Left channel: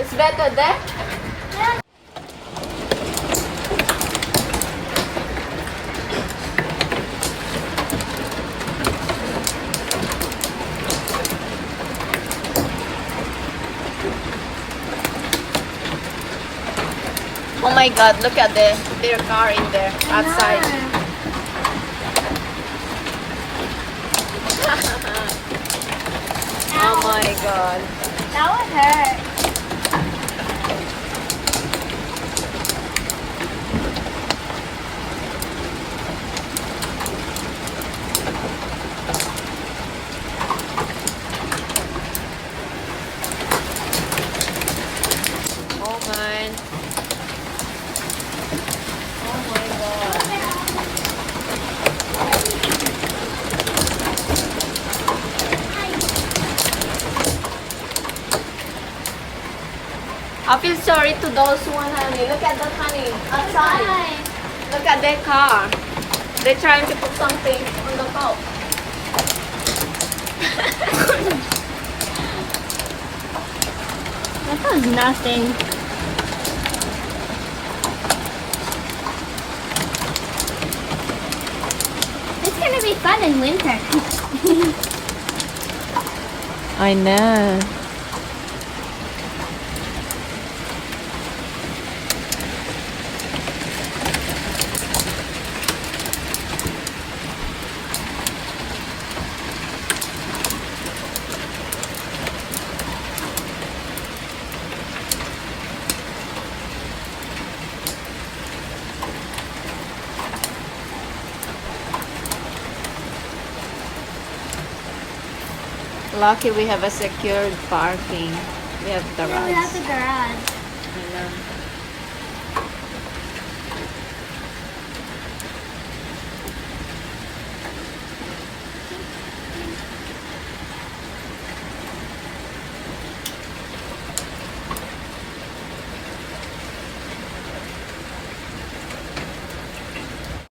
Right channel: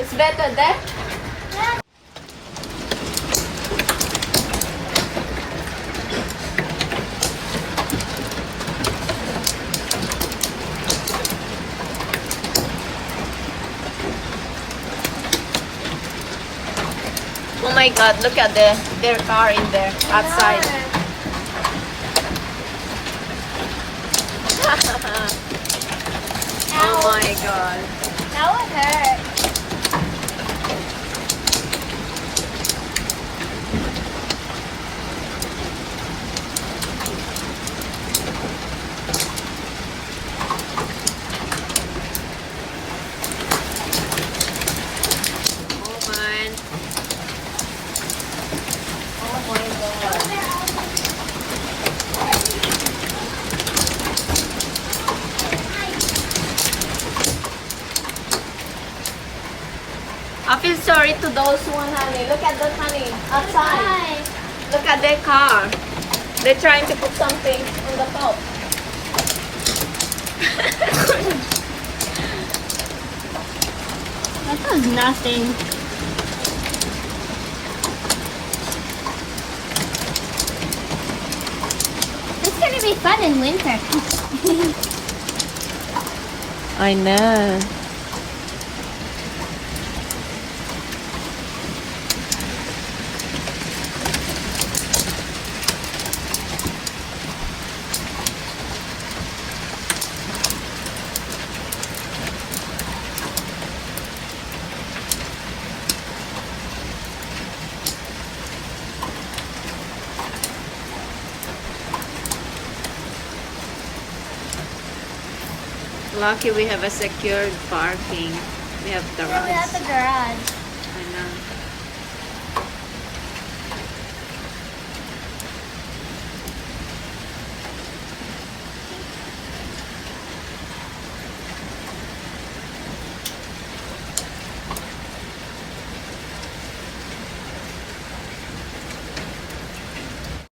It's better there? Oh my god, look at their car in there outside. Oh my god. That would hurt. Oh man. Oh my god. I feel sorry to those one, honey. Look at that, honey. Outside. Look at their car. They're trying to put something on the top. That was nothing. It's gonna be fun in winter. I know. Lucky we have a secured parking. We have At garage. the garage.